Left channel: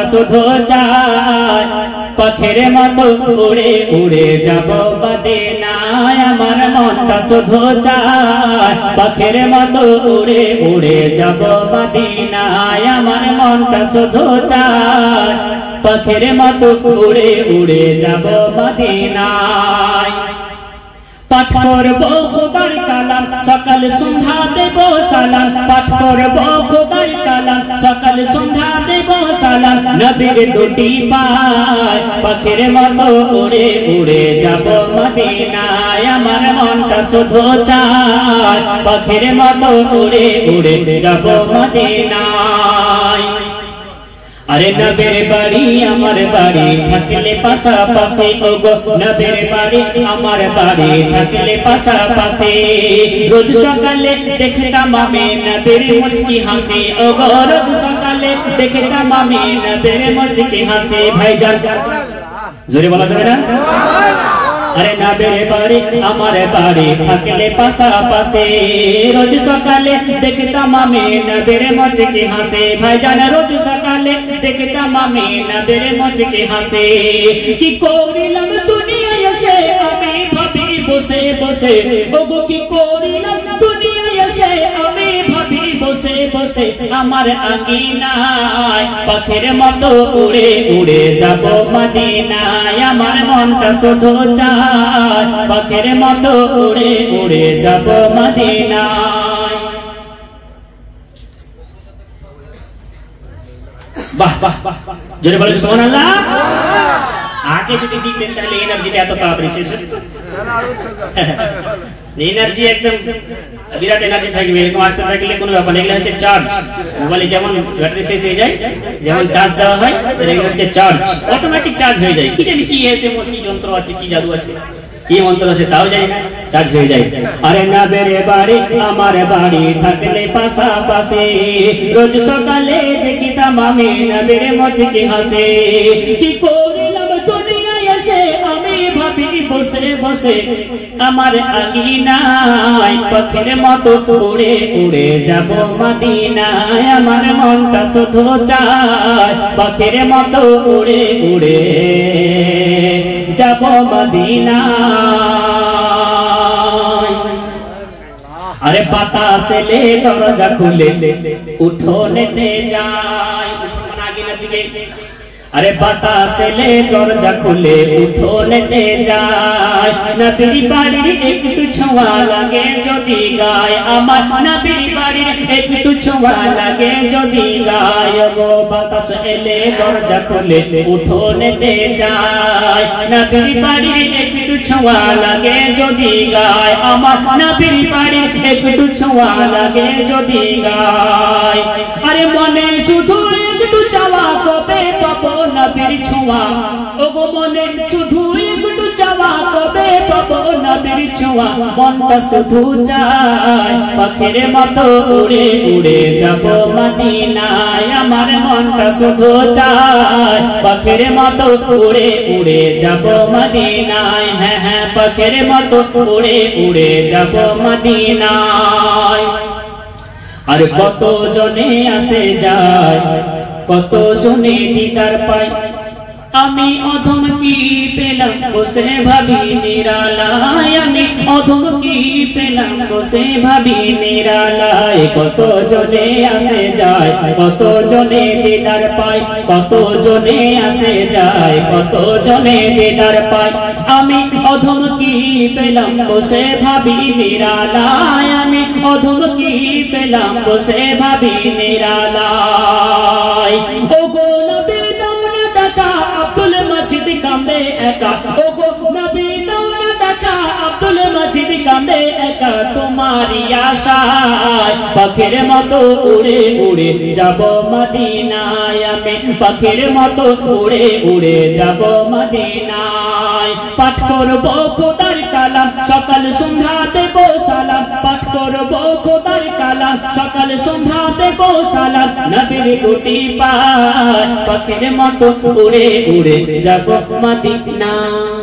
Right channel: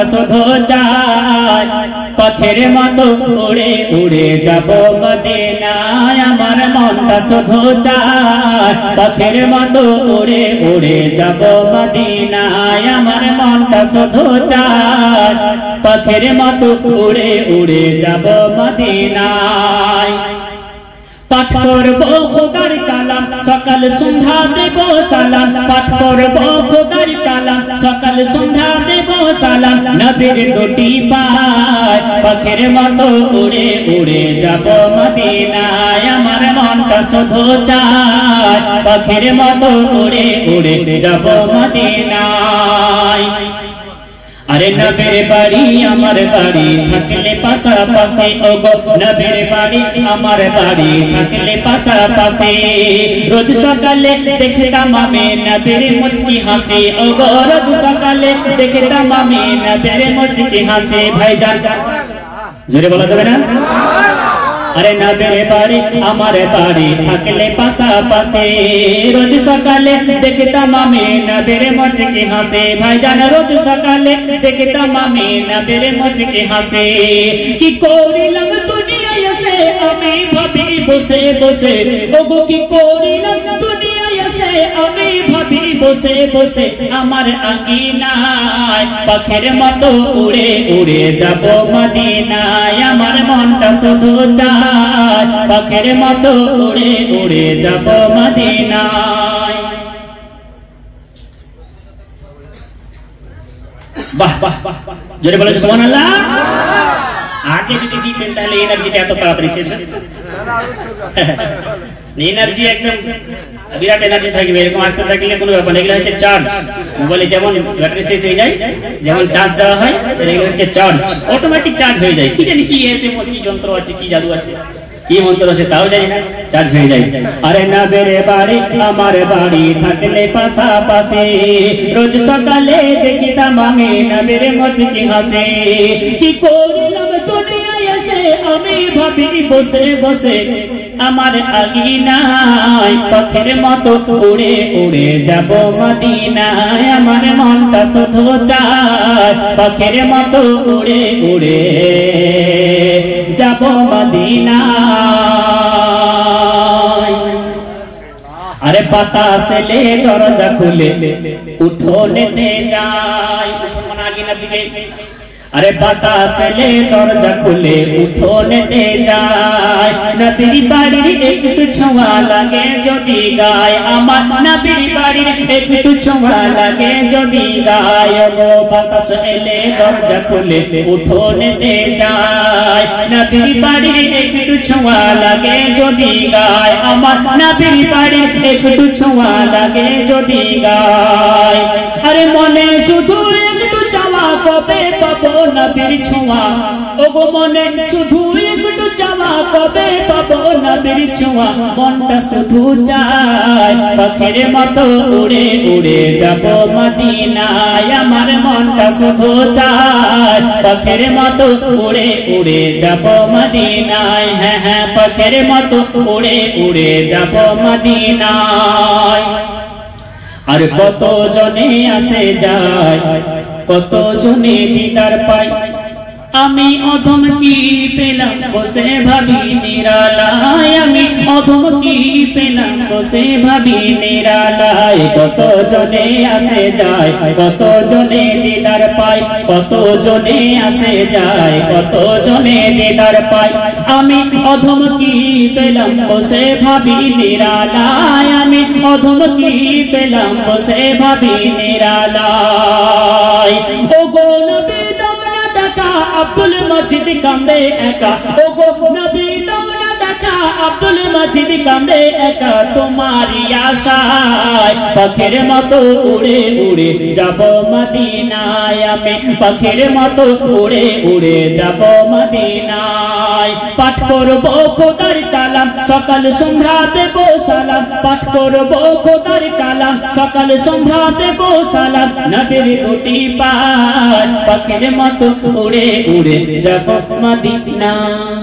মনটা শুধু চায় পাখির মতো উড়ে উড়ে যাব মদিনায় আমার মনটা শুধু চায় পাখির মতো উড়ে উড়ে যাব মদিনায় আমার মনটা শুধু চায় পাখির মতো উড়ে উড়ে যাব মদিনায় পাঠ করব খোদার কালাম সকাল সন্ধ্যা দেব সালাম পাঠ করব খোদার কালাম সকাল সন্ধ্যা দেব সালাম নবীর দুটি পায় পাখির মতো উড়ে উড়ে যাব মদিনায় আমার মনটা শুধু চায় পাখির মতো উড়ে উড়ে যাব মদিনায় আরে নবীর বাড়ি আমার বাড়ি থাকলে পাশাপাশি ওগো নবীর বাড়ি আমার বাড়ি থাকলে পাশাপাশি রোজ সকালে দেখতাম আমি নবীর মুচকি হাসি ওগো রোজ সকালে দেখতাম আমি নবীর মুচকি হাসি ভাইজান জোরে বলা যাবে না আরে নবীর বাড়ি আমার বাড়ি থাকলে পাশাপাশি রোজ সকালে দেখতাম আমি নবীর মুচকি হাসি ভাইজান রোজ সকালে দেখতাম আমি নবীর মুচকি হাসি কি করিলাম দুনিয়ায় এসে আমি ভাবি বসে বসে ওগো কি করিলাম দুনিয়ায় এসে আমি ভাবি বসে বসে আমার আঙিনায় পাখির মতো উড়ে উড়ে যাব মদিনায় আমার মনটা শুধু চায় পাখির মতো উড়ে উড়ে যাব মদিনায় বাহ বাহ জোরে বলেন সুবহানাল্লাহ আগে যদি দিতেন তাহলে এনার্জিটা এত তাড়াতাড়ি শেষ হতো এনার্জি একদম বিরাট এনার্জি থাকবে এরকম আসতে থাকলে কোনো ব্যাপার এগুলো হচ্ছে চার্জ মোবাইলে যেমন ব্যাটারি শেষ হয়ে যায় যেমন চার্জ দেওয়া হয় এগুলো হচ্ছে চার্জ অটোমেটিক চার্জ হয়ে যায় কি জানি কি এতে কি যন্ত্র আছে কি জাদু আছে কি মন্ত্র আছে তাও জানি না চার্জ হয়ে যায় আরে নবীর বাড়ি আমার বাড়ি থাকলে পাশাপাশি রোজ সকালে দেখিতাম আমি নবীর মুচকি হাসি কি করিলাম দুনিয়ায় এসে আমি ভাবি বসে বসে আমার আঙিনায় পাখির মতো উড়ে উড়ে যাব মদিনায় আমার মনটা শুধু চায় পাখির মতো উড়ে উড়ে যাব মদিনায় আরে বাতাস এলে দরজা খুলে উঠোনেতে যায় আঙিনার দিকে আরে বাতাস এলে দরজা খুলে উঠোনেতে যায় নবীর বাড়ির একটু ছোঁয়া লাগে যদি গায় আমার নবীর বাড়ির একটু ছোঁয়া লাগে যদি গায় গো বাতাস এলে দরজা খুলে উঠোনেতে যায় নবীর বাড়ির একটু ছোঁয়া লাগে যদি গায় আমার নবীর বাড়ির একটু ছোঁয়া লাগে যদি গায় আরে মনে শুধু একটু চাওয়া কবে পাবো নবীর ছোঁয়া ওগো মনে শুধু একটু চাওয়া কবে পাবো নবীর ছোঁয়া মনটা শুধু চায় পাখির মতো উড়ে উড়ে যাব মদিনায় আমার মনটা শুধু চায় পাখির মতো উড়ে উড়ে যাব মদিনায় হ্যাঁ হ্যাঁ পাখির মতো উড়ে উড়ে যাব মদিনায় আর কত জনে আসে যায় কত জনে দিদার পাই আমি অধম কি পেলাম বসে ভাবি নিরালায় আমি অধম কি পেলাম বসে ভাবি নিরালায় কত জনে আসে যায় কত জনে দিদার পাই কত জনে আসে যায় কত জনে দিদার পাই আমি অধম কি পেলাম বসে ভাবি নিরালায় আমি অধম কি পেলাম বসে ভাবি নিরালায় ওগো নবী আব্দুল মজিদ কান্দে একা ওগো নবী দাওনা দেখা আব্দুল মজিদ কান্দে একা তোমারি আশায় পাখির মতো উড়ে উড়ে যাব মদিনায় আমি পাখির মতো উড়ে উড়ে যাব মদিনায় পাঠ করব খোদার কালাম সকাল সন্ধ্যা দেব সালাম পাঠ করব খোদার কালাম সকাল সন্ধ্যা দেব সালাম নবীর দুটি পায় পাখির মতো উড়ে উড়ে যাব মদিনায়